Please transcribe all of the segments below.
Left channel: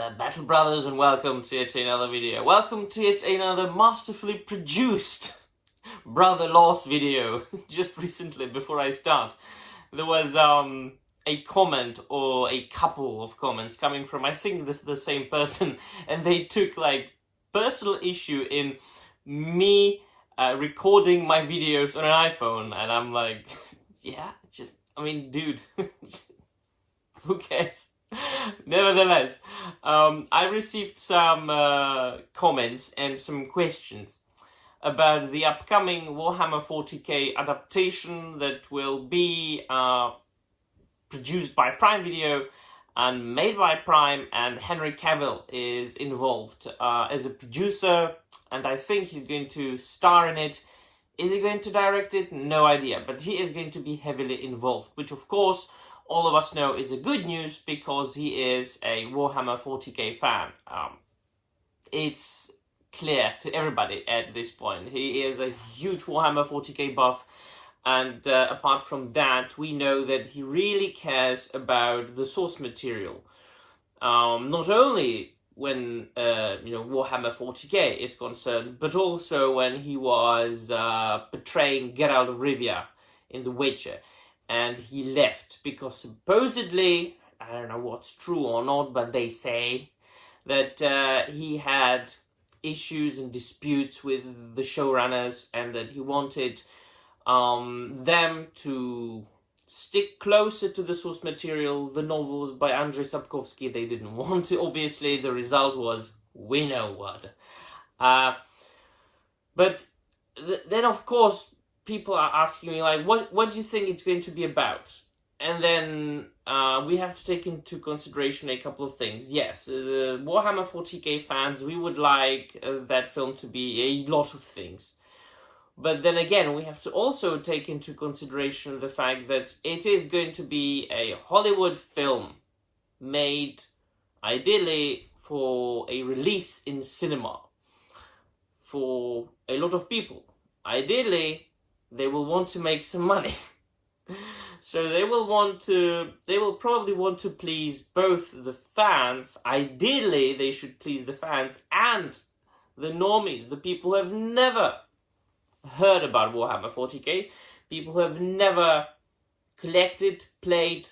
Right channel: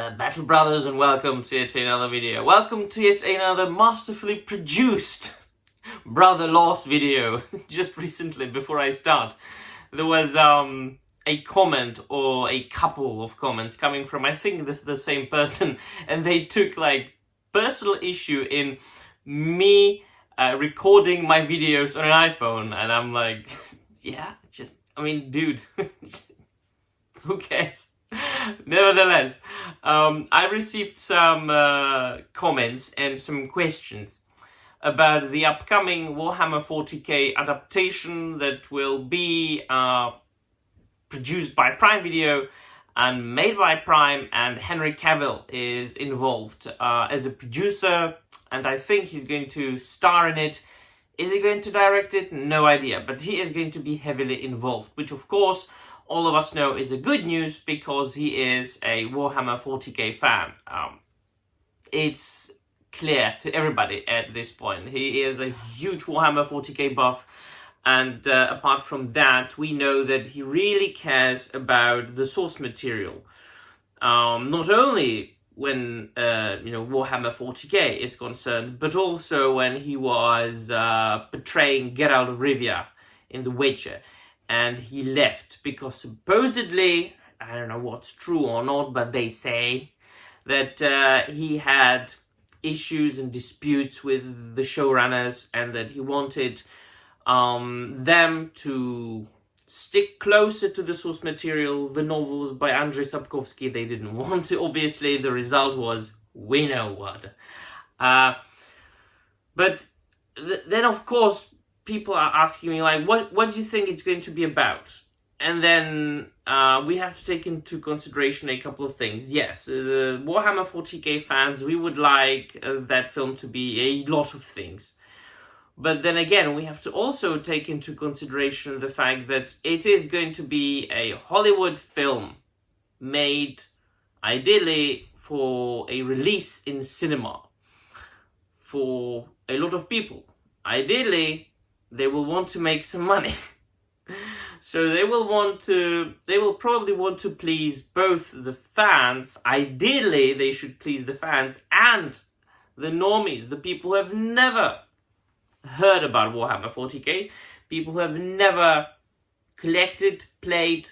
there, Battle Brothers, and welcome to yet another video. Welcome to yet another masterfully produced Brother Lost video. Just recently, before I start, there was a comment or a couple of comments coming from, I think, the same person, and they took like personal issue in me recording my videos on an iPhone, and I'm like, yeah, dude, who cares? Nevertheless, I received some comments and some questions about the upcoming Warhammer 40k adaptation that will be produced by Prime Video and made by Prime, and Henry Cavill is involved as a producer, and I think he's going to star in it. Is he going to direct it? No idea, but he is going to be heavily involved, which of course all of us know is a good news because he is a Warhammer 40k fan. It's clear to everybody at this point. He is a huge Warhammer 40k buff, and apart from that, we know that he really cares about the source material. Not only when Warhammer 40k is concerned, but also when he was portraying Geralt of Rivia in The Witcher. And he left because supposedly, I don't know what's true or not, but they say that he had issues and disputes with the showrunners, and that he wanted them to stick closer to the source material, the novels by Andrzej Sapkowski. They didn't want to. Obviously, the result was, we know what. But then, of course, people are asking me, like, what do you think it's going to be about? And then we have to take into consideration a couple of things. Yes, the Warhammer 40k fans, we would like that film to be a lot of things. But then again, we have to also take into consideration the fact that it is going to be a Hollywood film made ideally for a release in cinema for a lot of people. Ideally, they will want to make some money. So they will probably want to please both the fans. Ideally, they should please the fans and the normies, the people who have never heard about Warhammer 40k, people who have never collected, played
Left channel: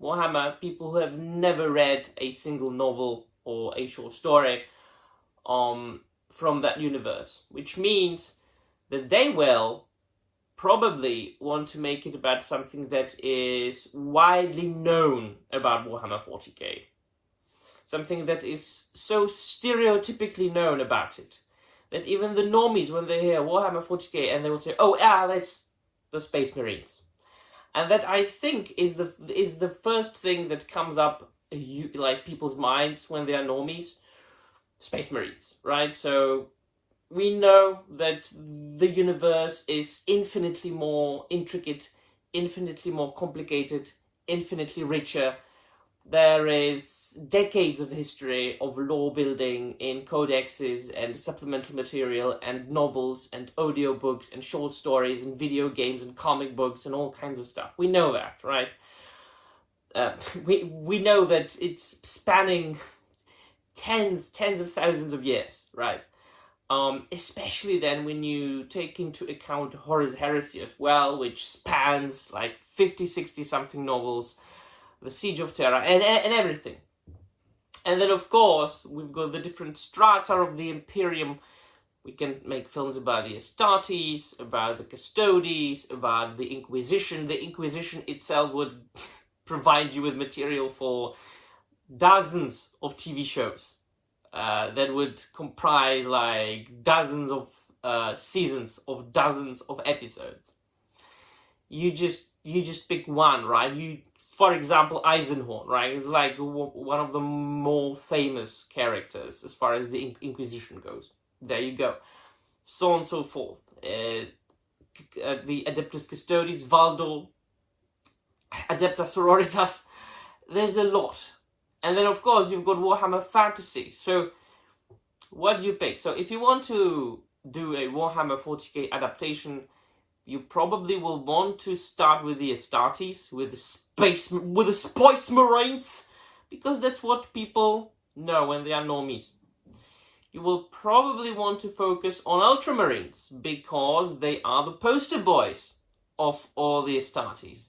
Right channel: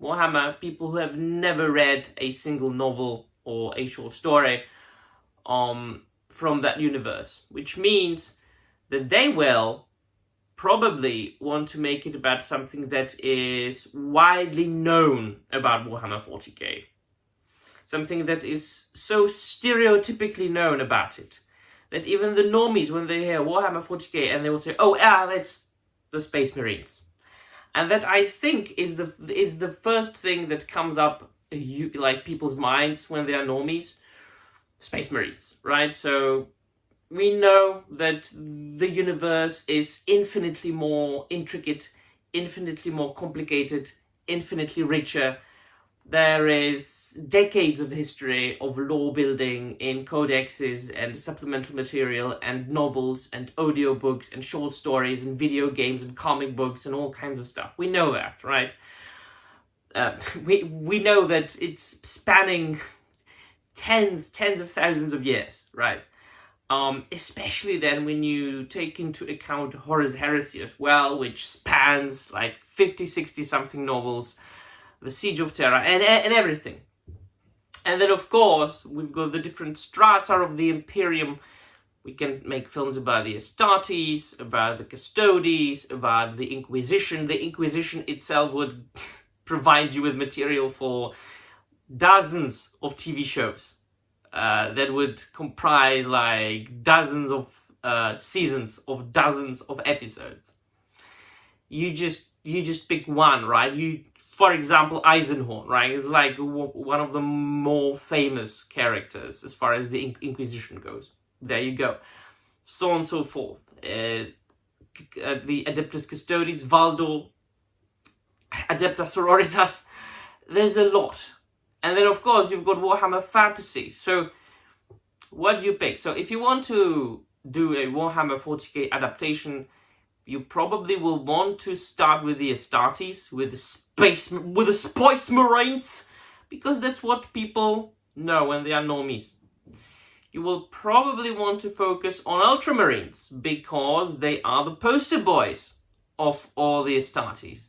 Warhammer, people who have never read a single novel or a short story from that universe, which means that they will probably want to make it about something that is widely known about Warhammer 40k. Something that is so stereotypically known about it, that even the normies, when they hear Warhammer 40k, and they will say, oh, that's the Space Marines. And that, I think, is the first thing that comes up, like, people's minds when they are normies. Space Marines, right? So we know that the universe is infinitely more intricate, infinitely more complicated, infinitely richer. There is decades of history of lore building in codexes and supplemental material and novels and audiobooks and short stories and video games and comic books and all kinds of stuff. We know that, right? We know that it's spanning tens of thousands of years, right? Especially then when you take into account Horus Heresy as well, which spans like 50, 60 something novels, the Siege of Terra, and everything. And then, of course, we've got the different strata of the Imperium. We can make films about the Astartes, about the Custodes, about the Inquisition. The Inquisition itself would provide you with material for dozens of TV shows. That would comprise like dozens of seasons of dozens of episodes. You just pick one, right? For example, Eisenhorn, right? Is like one of the more famous characters as far as the Inquisition goes. There you go. So on and so forth. The Adeptus Custodes, Valdo, Adepta Sororitas. There's a lot. And then, of course, you've got Warhammer Fantasy. So, what do you pick? So, if you want to do a Warhammer 40k adaptation, you probably will want to start with the Astartes, with the Space Marines, because that's what people No, and they are normies. You will probably want to focus on Ultramarines because they are the poster boys of all the Astartes.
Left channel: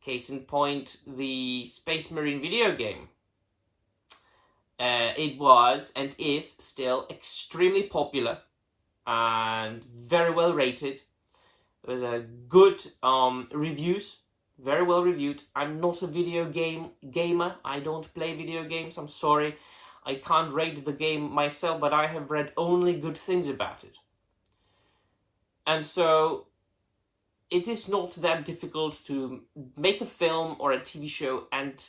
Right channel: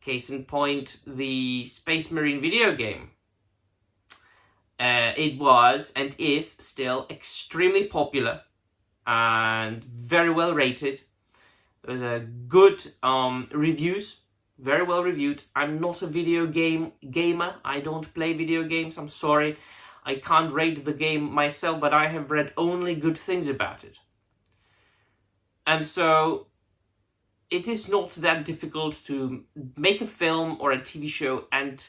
Case in point, the Space Marine video game. It was and is still extremely popular and very well rated. There's a good reviews, very well reviewed. I'm not a video game gamer. I don't play video games. I'm sorry. I can't rate the game myself, but I have read only good things about it. And so it is not that difficult to make a film or a TV show and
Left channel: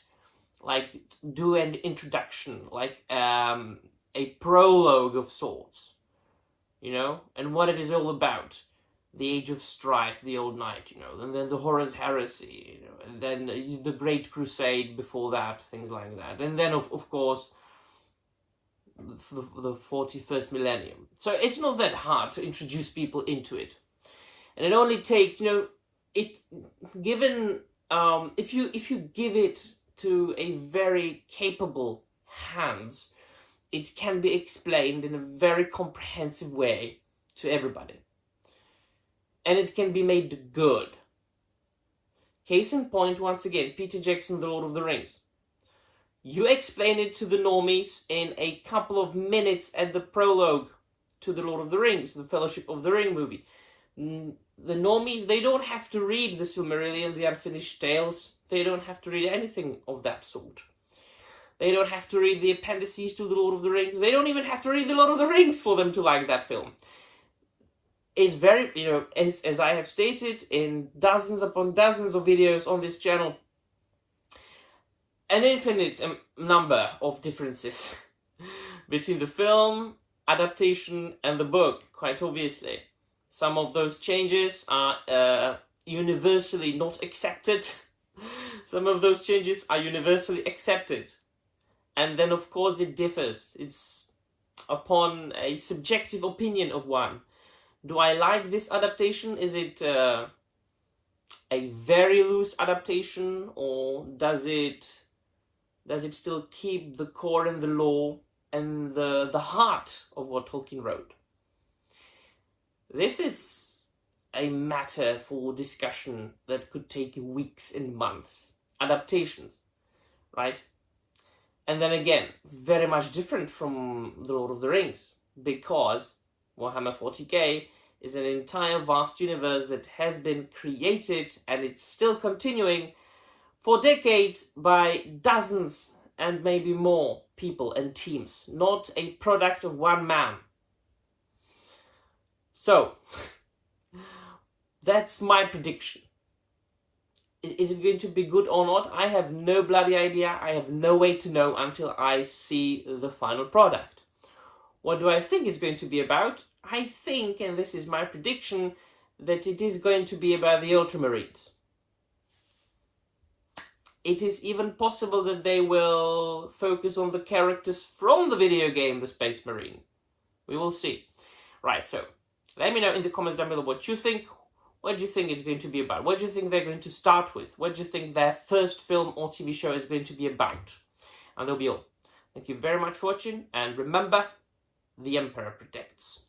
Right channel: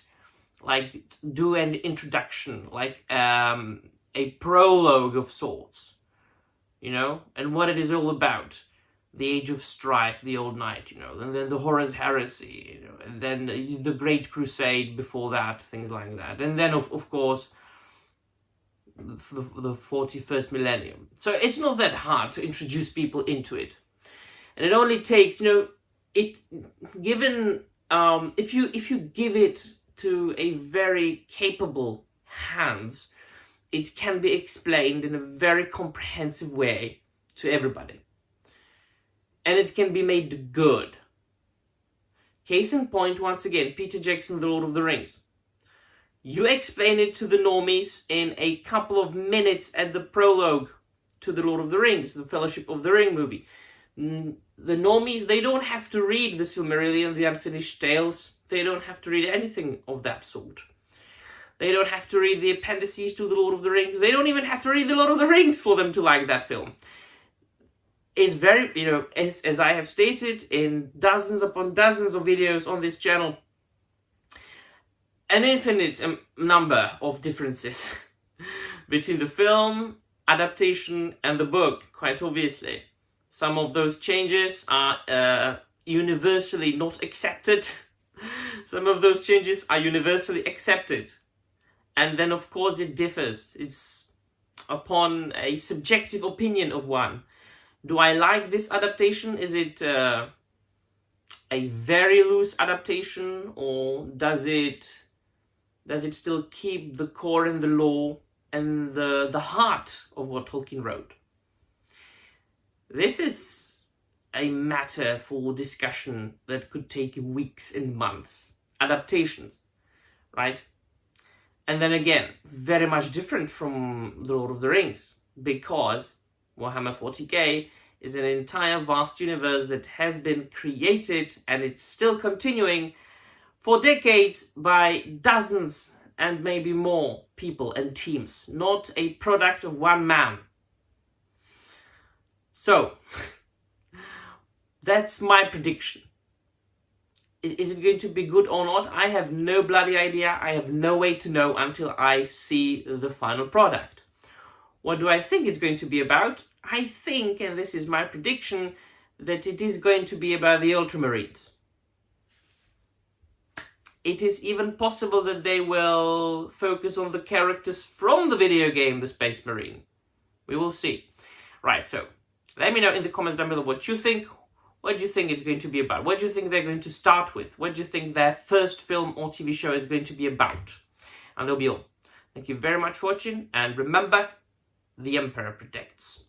like do an introduction, like a prologue of sorts, you know, and what it is all about. The Age of Strife, the Old Knight, you know, and then the Horus Heresy, you know, and then the Great Crusade before that, things like that. And then, of course, the 41st millennium. So it's not that hard to introduce people into it. And it only takes, you know, if you give it to a very capable hands, it can be explained in a very comprehensive way to everybody. And it can be made good. Case in point, once again, Peter Jackson, The Lord of the Rings. You explain it to the normies in a couple of minutes at the prologue to The Lord of the Rings, the Fellowship of the Ring movie. The normies, they don't have to read the Silmarillion, the Unfinished Tales. They don't have to read anything of that sort. They don't have to read the appendices to The Lord of the Rings. They don't even have to read The Lord of the Rings for them to like that film. It's very, you know, as I have stated in dozens upon dozens of videos on this channel, an infinite number of differences between the film adaptation and the book, quite obviously. Some of those changes are universally not accepted. Some of those changes are universally accepted. And then, of course, it differs. It's upon a subjective opinion of one. Do I like this adaptation? Is it a very loose adaptation, or does it still keep the core and the lore and the heart of what Tolkien wrote? This is a matter for discussion that could take weeks and months. Adaptations, right? And then again, very much different from The Lord of the Rings, because Warhammer 40k is an entire vast universe that has been created, and it's still continuing for decades by dozens and maybe more people and teams, not a product of one man. So, that's my prediction. Is it going to be good or not? I have no bloody idea. I have no way to know until I see the final product. What do I think it's going to be about? I think, and this is my prediction, that it is going to be about the Ultramarines. It is even possible that they will focus on the characters from the video game, the Space Marine. We will see. Right, so let me know in the comments down below what you think. What do you think it's going to be about? What do you think they're going to start with? What do you think their first film or TV show is going to be about? And that'll be all. Thank you very much for watching, and remember, the Emperor protects.